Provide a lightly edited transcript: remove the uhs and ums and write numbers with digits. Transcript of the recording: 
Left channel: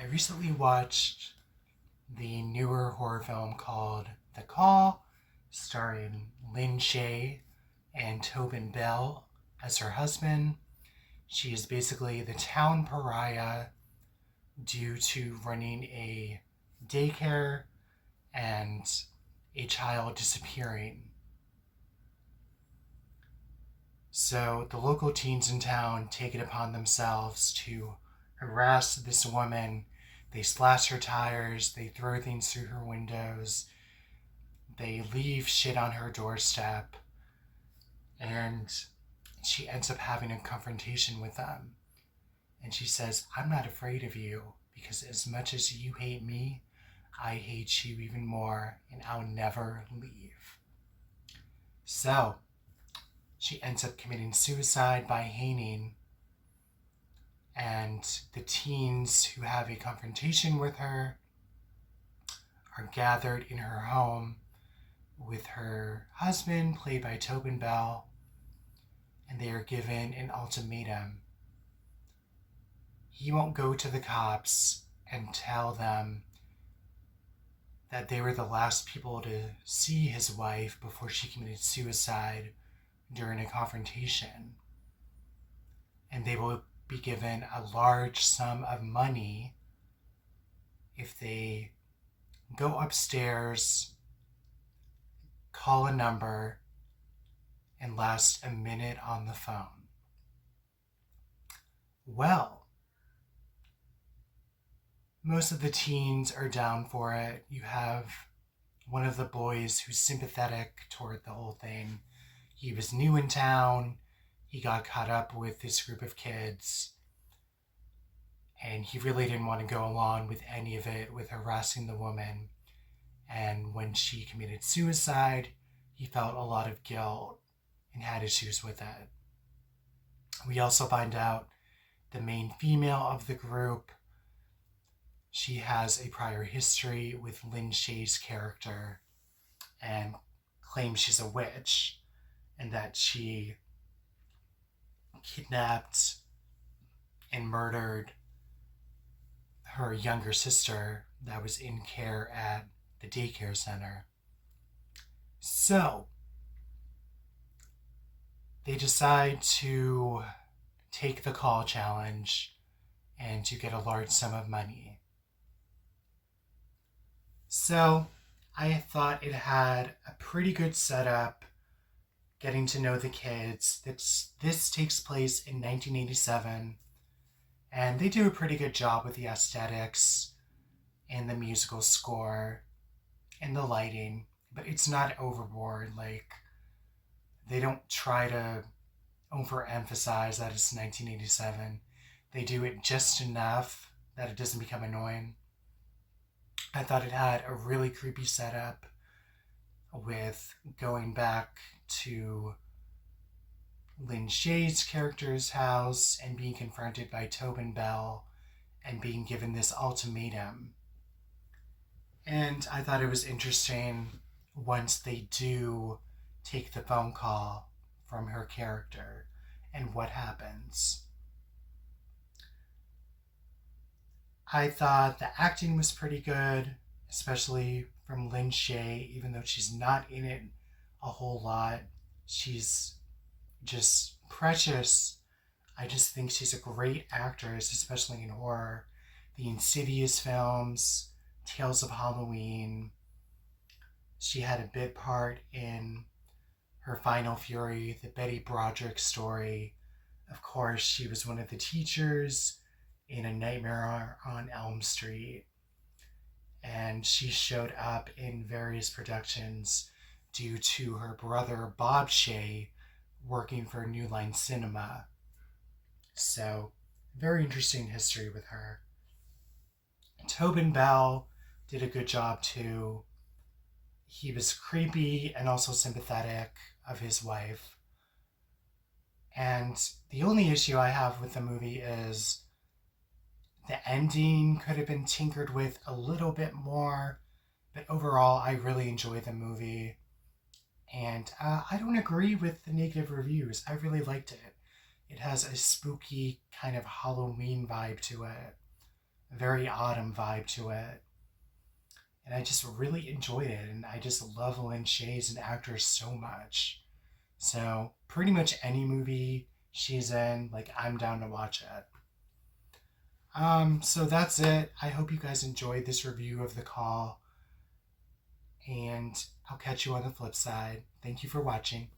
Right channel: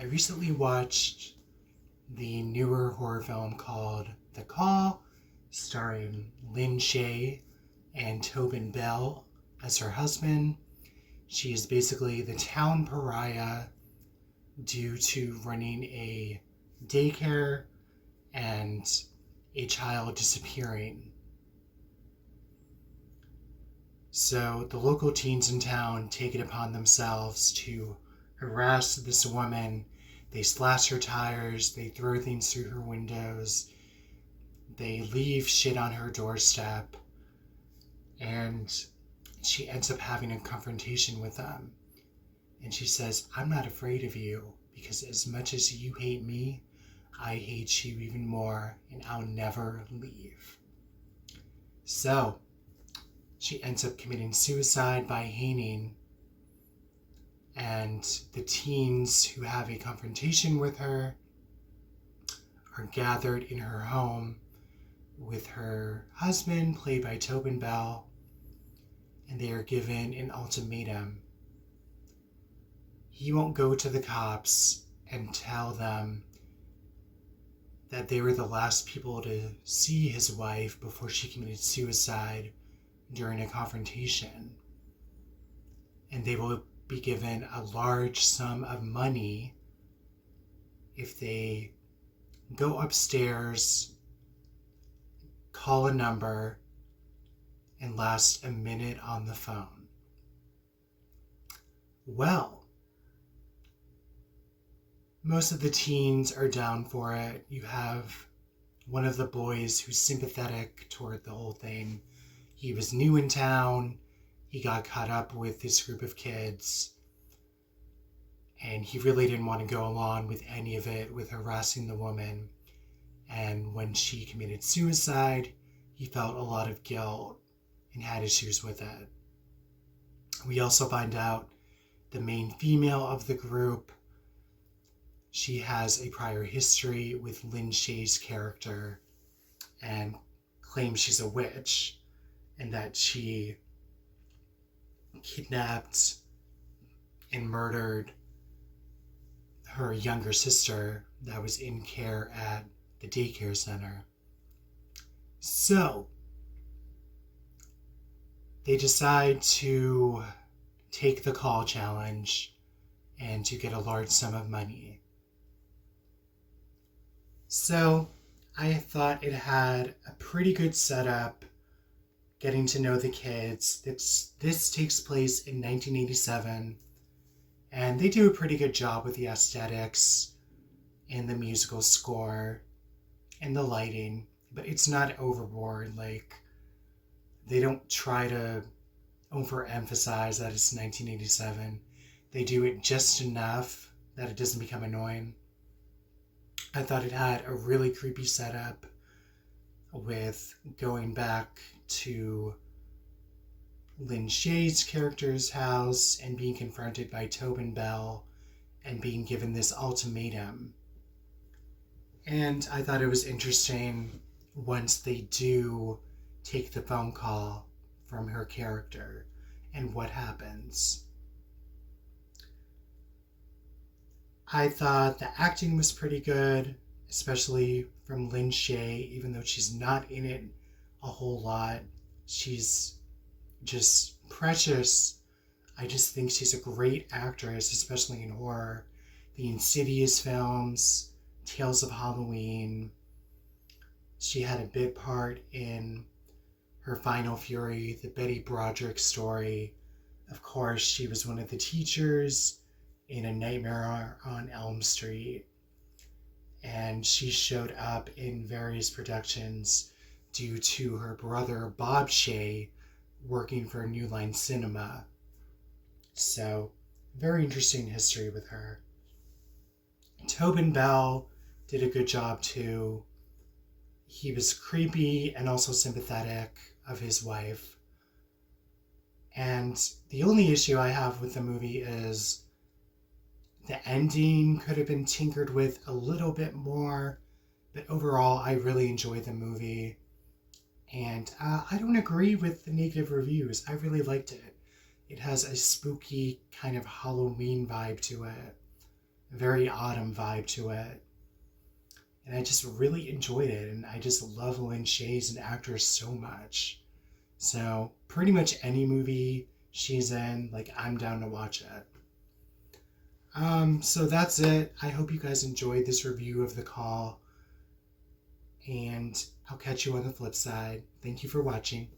I recently watched the newer horror film called The Call, starring Lin Shaye and Tobin Bell as her husband. She is basically the town pariah due to running a daycare and a child disappearing. So the local teens in town take it upon themselves to harass this woman. They slash her tires, they throw things through her windows, they leave shit on her doorstep, and she ends up having a confrontation with them. And she says, I'm not afraid of you because as much as you hate me, I hate you even more, and I'll never leave. So she ends up committing suicide by hanging, and the teens who have a confrontation with her are gathered in her home with her husband, played by Tobin Bell, and they are given an ultimatum. He won't go to the cops and tell them that they were the last people to see his wife before she committed suicide during a confrontation. And they will be given a large sum of money if they go upstairs, call a number, and last a minute on the phone. Well, most of the teens are down for it. You have one of the boys who's sympathetic toward the whole thing. He was new in town. He got caught up with this group of kids. And he really didn't want to go along with any of it, with harassing the woman. And when she committed suicide, he felt a lot of guilt and had issues with it. We also find out the main female of the group, she has a prior history with Lin Shaye's character and claims she's a witch and that she kidnapped and murdered her younger sister that was in care at the daycare center. So they decide to take the call challenge and to get a large sum of money. So I thought it had a pretty good setup, getting to know the kids. This takes place in 1987, and they do a pretty good job with the aesthetics and the musical score and the lighting, but it's not overboard. Like, they don't try to overemphasize that it's 1987. They do it just enough that it doesn't become annoying. I thought it had a really creepy setup with going back to Lin Shaye's character's house and being confronted by Tobin Bell and being given this ultimatum. And I thought it was interesting once they do take the phone call from her character and what happens. I thought the acting was pretty good, especially from Lin Shaye, even though she's not in it a whole lot. She's just precious. I just think she's a great actress, especially in horror. The Insidious films, Tales of Halloween. She had a bit part in her Final Fury, the Betty Broderick story. Of course, she was one of the teachers in A Nightmare on Elm Street. And she showed up in various productions due to her brother Bob Shaye working for New Line Cinema. So, very interesting history with her. Tobin Bell did a good job too. He was creepy and also sympathetic of his wife. And the only issue I have with the movie is the ending could have been tinkered with a little bit more, but overall, I really enjoyed the movie. And I don't agree with the negative reviews. I really liked it. It has a spooky kind of Halloween vibe to it. very autumn vibe to it. And I just really enjoyed it. And I just love Lin Shaye as an actor so much. So pretty much any movie she's in, like, I'm down to watch it. So that's it. I hope you guys enjoyed this review of The Call. And I'll catch you on the flip side. Thank you for watching.